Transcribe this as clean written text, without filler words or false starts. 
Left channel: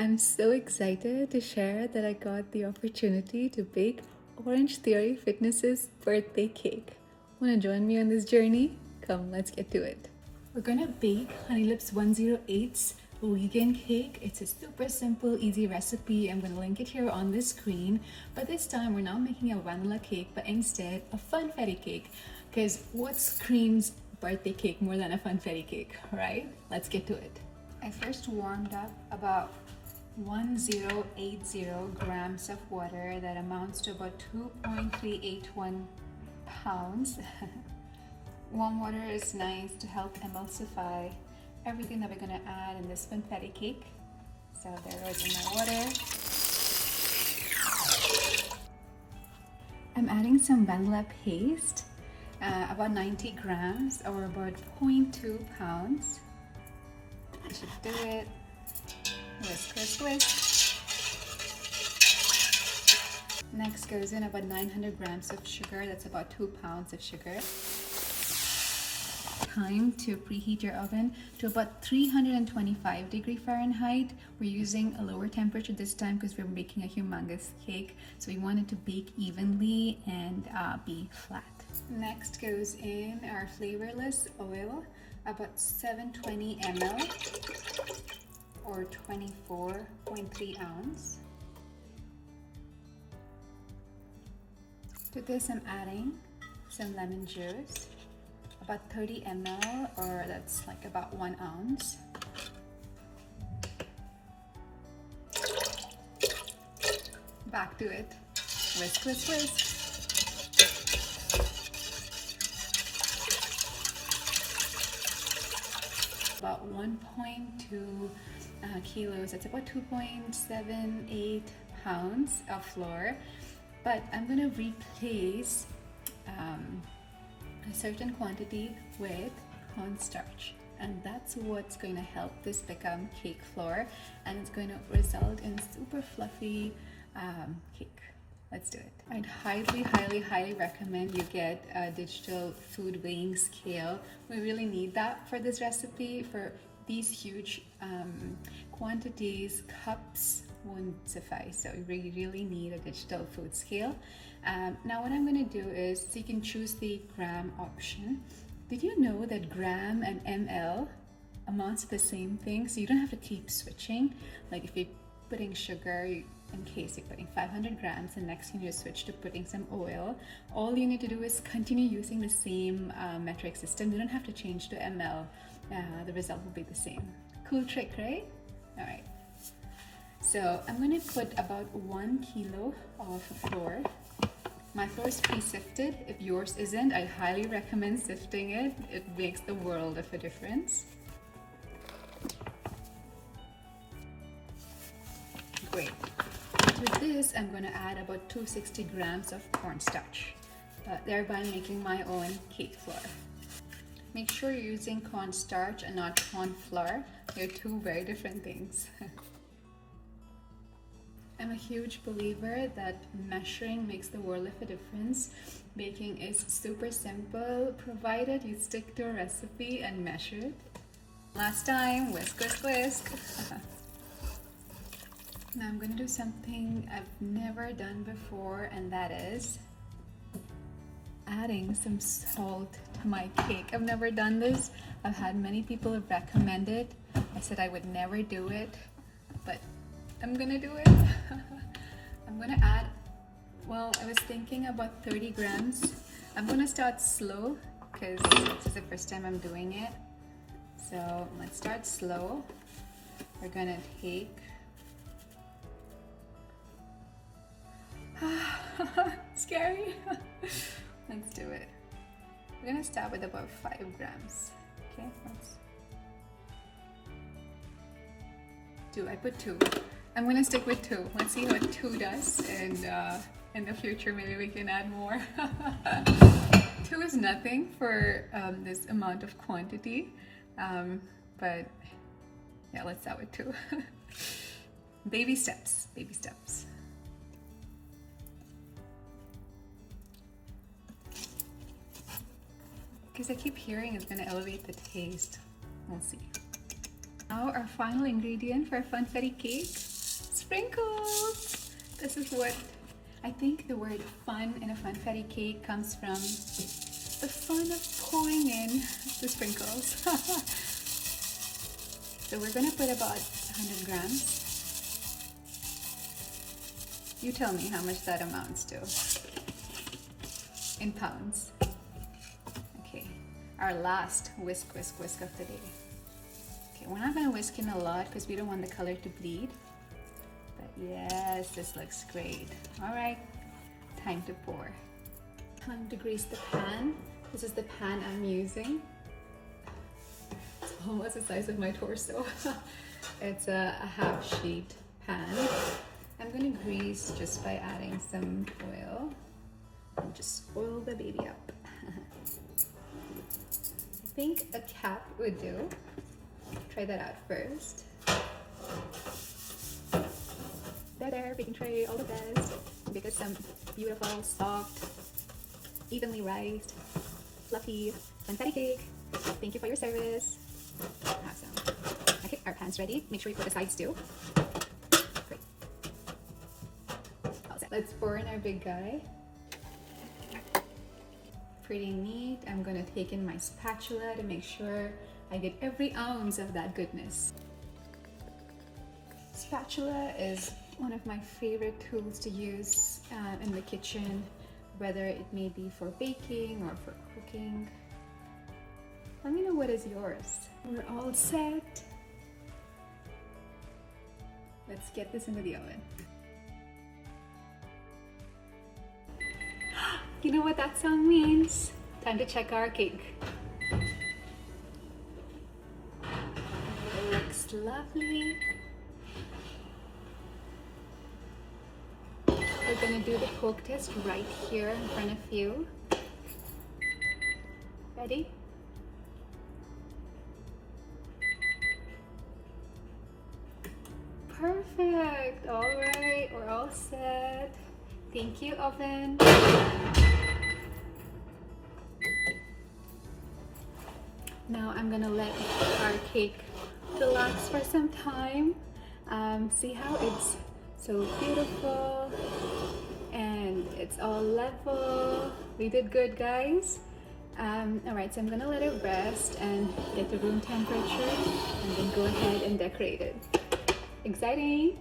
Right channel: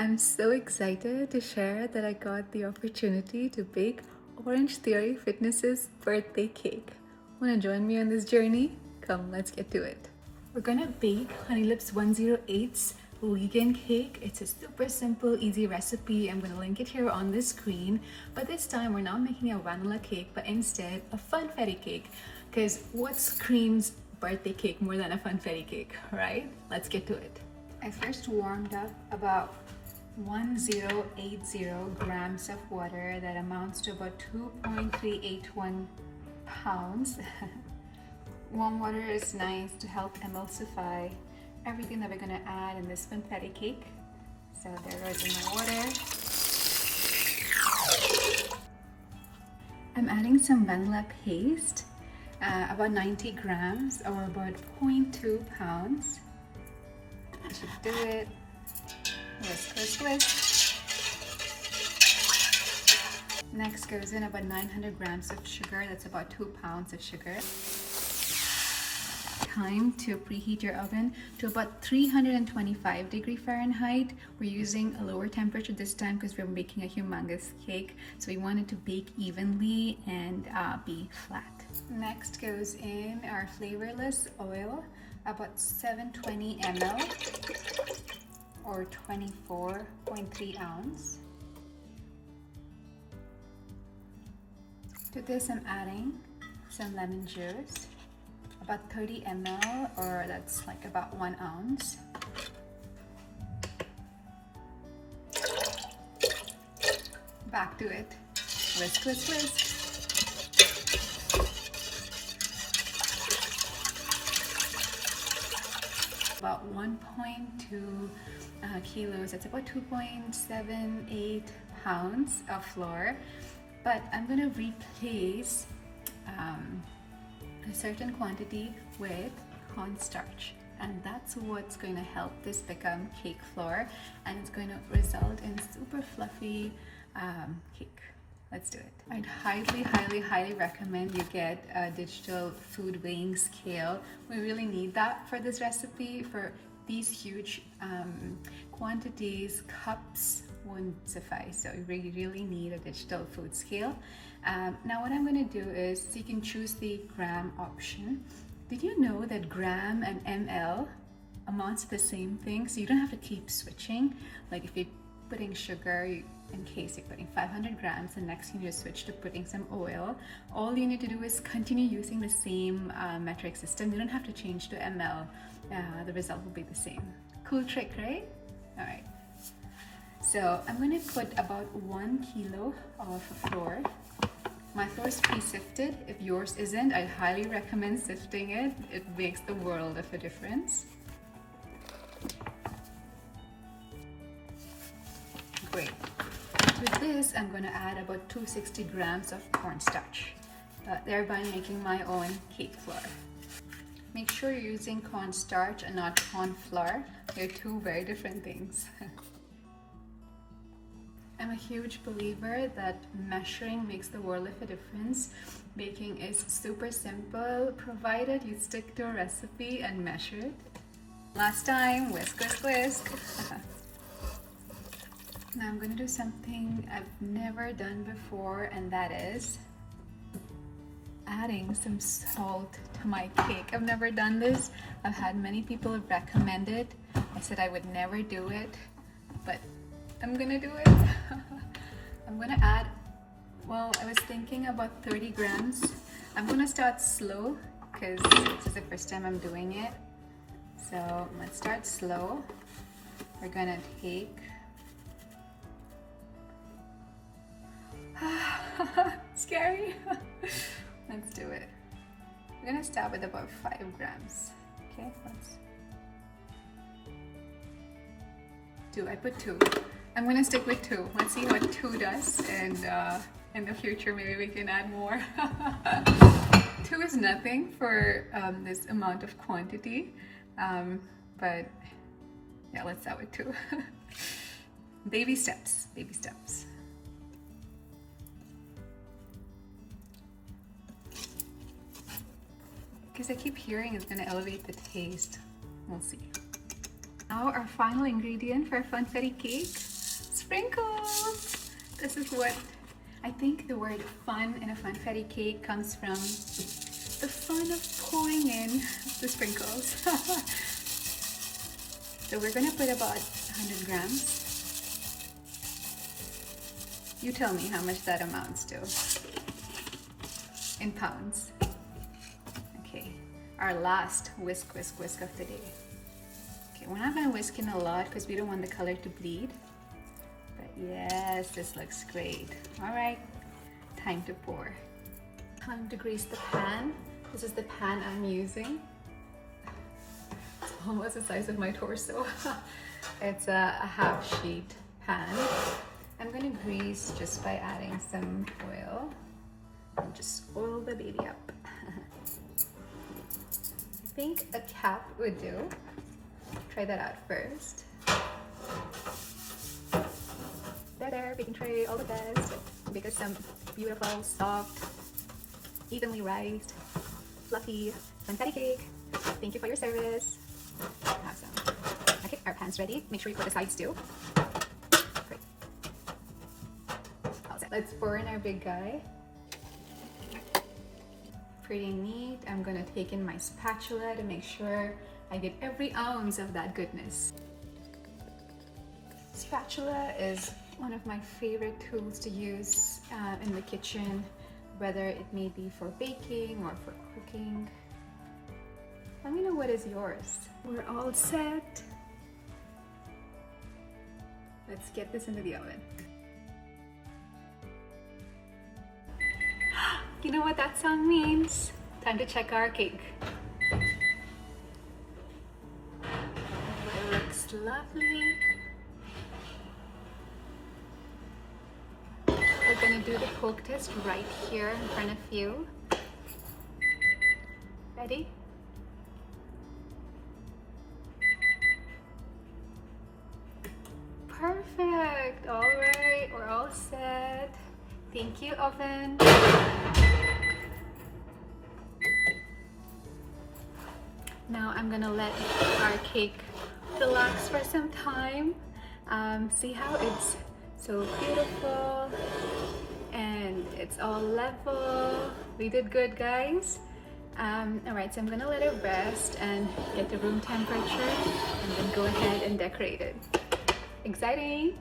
I'm so excited to share that I got the opportunity to bake Orangetheory Fitness's birthday cake. Wanna join me on this journey? Come, let's get to it. We're gonna bake Honeylips 108's vegan cake. It's a super simple, easy recipe. I'm gonna link it here on the screen. But this time we're not making a vanilla cake, but instead a Funfetti cake. Because what screams birthday cake more than a Funfetti cake, right? Let's get to it. I first warmed up about 1080 grams of water. That amounts to about 2.381 pounds. Warm water is nice to help emulsify everything that we're gonna add in this Funfetti cake. So there goes in my water. I'm adding some vanilla paste, about 90 grams or about 0.2 pounds. Just do it. Whisk, whisk, whisk. Next goes in about 900 grams of sugar. That's about 2 pounds of sugar. Time to preheat your oven to about 325 Fahrenheit. We're using a lower temperature this time because we're making a humongous cake. So we want it to bake evenly and be flat. Next goes in our flavorless oil, about 720 ml or 24.3 ounce. To this I'm adding some lemon juice, about 30 ml or that's like about 1 ounce. Back to it. Whisk, whisk, whisk. About 1.2 kilos, that's about 2.78 pounds of flour. But I'm going to replace a certain quantity with cornstarch, and that's what's going to help this become cake flour, and it's going to result in super fluffy cake. Let's do it. I'd highly recommend you get a digital food weighing scale. We really need that for this recipe. For these huge quantities, cups won't suffice, so you really need a digital food scale. Now what I'm going to do is, you can choose the gram option. Did you know that gram and ml amounts to the same thing? So you don't have to keep switching. Like if you're putting sugar, in case you're putting 500 grams and next thing you switch to putting some oil, all you need to do is continue using the same metric system. You don't have to change to ml. The result will be the same. Cool trick, right? All right. So I'm going to put about 1 kilo of flour. My flour is pre-sifted. If yours isn't, I highly recommend sifting it. It makes the world of a difference. Great. With this, I'm going to add about 260 grams of cornstarch, thereby making my own cake flour. Make sure you're using cornstarch and not corn flour. They're two very different things. I'm a huge believer that measuring makes the world of a difference. Baking is super simple, provided you stick to a recipe and measure it. Last time, whisk, whisk, whisk. Now I'm going to do something I've never done before, and that is adding some salt to my cake. I've never done this. I've had many people recommend it. I said I would never do it, but I'm gonna do it. I'm gonna add, well, I was thinking about 30 grams. I'm gonna start slow because this is the first time I'm doing it. So let's start slow. We're gonna take scary. Let's do it. We're gonna start with about 5 grams. Okay, I put 2. I'm gonna stick with 2. Let's see what 2 does, and in the future maybe we can add more. 2 is nothing for this amount of quantity, but yeah, let's start with 2. Baby steps, baby steps. Because I keep hearing it's gonna elevate the taste. We'll see. Now our final ingredient for funfetti cake, sprinkles. This is what I think the word fun in a funfetti cake comes from the fun of pouring in the sprinkles. So we're gonna put about 100 grams. You tell me how much that amounts to in pounds. Okay, our last whisk of the day. Okay, we're not gonna whisk in a lot because we don't want the color to bleed. But yes, this looks great. All right, time to pour. Time to grease the pan. This is the pan I'm using. It's almost the size of my torso. It's a half sheet pan. I'm gonna grease just by adding some oil and just oil the baby up. I think a cap would do. Try that out first. There, baking tray, all the best. Make us some beautiful, soft, evenly rised, fluffy funfetti cake. Thank you for your service. Awesome. Okay, our pan's ready. Make sure you put the sides too. Great. Let's pour in our big guy. Pretty neat. I'm gonna take in my spatula to make sure I get every ounce of that goodness. Spatula is one of my favorite tools to use in the kitchen, whether it may be for baking or for cooking. Let me know what is yours. We're all set. Let's get this into the oven. You know what that sound means? Time to check our cake. It looks lovely. We're gonna do the poke test right here in front of you. Ready? Perfect. All right, we're all set. Thank you, oven. Now I'm gonna let our cake relax for some time. See how it's so beautiful and it's all level. We did good, guys. All right, so I'm gonna let it rest and get to room temperature and then go ahead and decorate it. Exciting!